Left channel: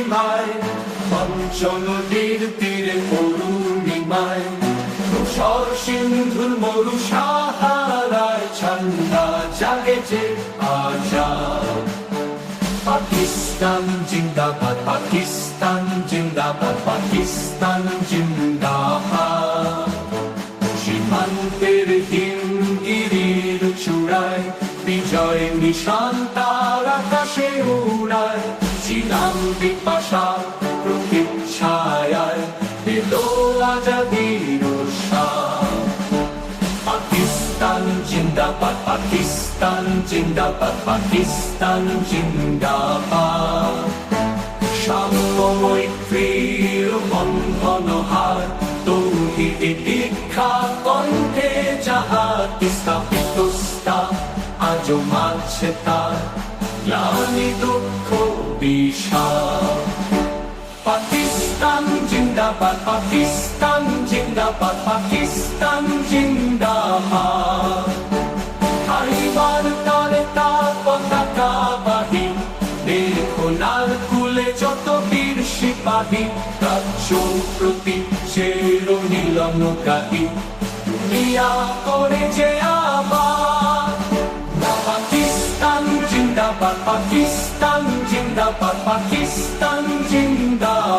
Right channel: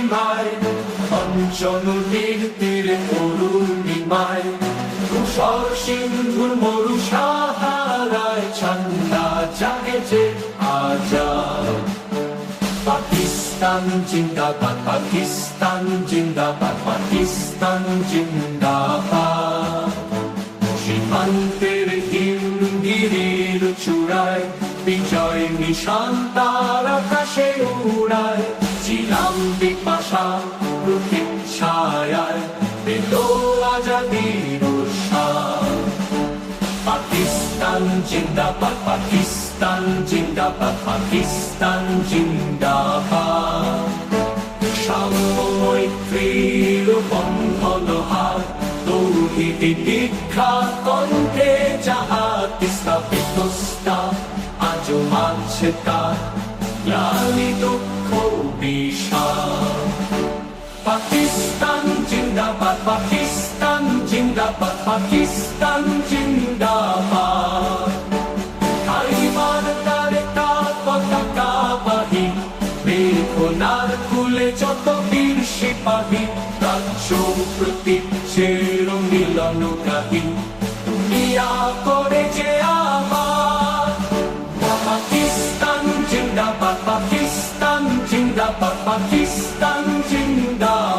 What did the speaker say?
অরুণিমায় পঞ্চনদীর তীরে অরুণিমায় ধূসর সিন্ধুর মরু সাহারায় ঠান্ডা জাগেছে আজাদ। পাকিস্তান জিন্দাবাদ, পাকিস্তান জিন্দাবাদ, পাকিস্তান জিন্দাবাদ। সীমান্তের হিমগিরির চূড়ায় বিজয় নিশান তার আকাশে উড়ায়। ছিলাম বিপাশা প্রতীক্ষায় পেল আজাদির উৎসাহ। পাকিস্তান জিন্দাবাদ, পাকিস্তান জিন্দাবাদ, পাকিস্তান জিন্দাবাদ। সাম্যময় মৈত্রীর বন্ধন হার তৌহিদি দীক্ষা কণ্ঠে যাহার স্থাপিত আজও মানছে তার গ্লানি দুঃখ বিষাদ। পাকিস্তান জিন্দাবাদ, পাকিস্তান জিন্দাবাদ, পাকিস্তান জিন্দাবাদ। আইবার তারে তার পতাকা বাহি বেখোনার কুলে যত বীর সিপাহী। রাজ্য প্রতি চের মিলন গাহি দুনিয়া করে যে আবার। পাকিস্তান জিন্দাবাদ, পাকিস্তান জিন্দাবাদ, পাকিস্তান জিন্দাবাদ।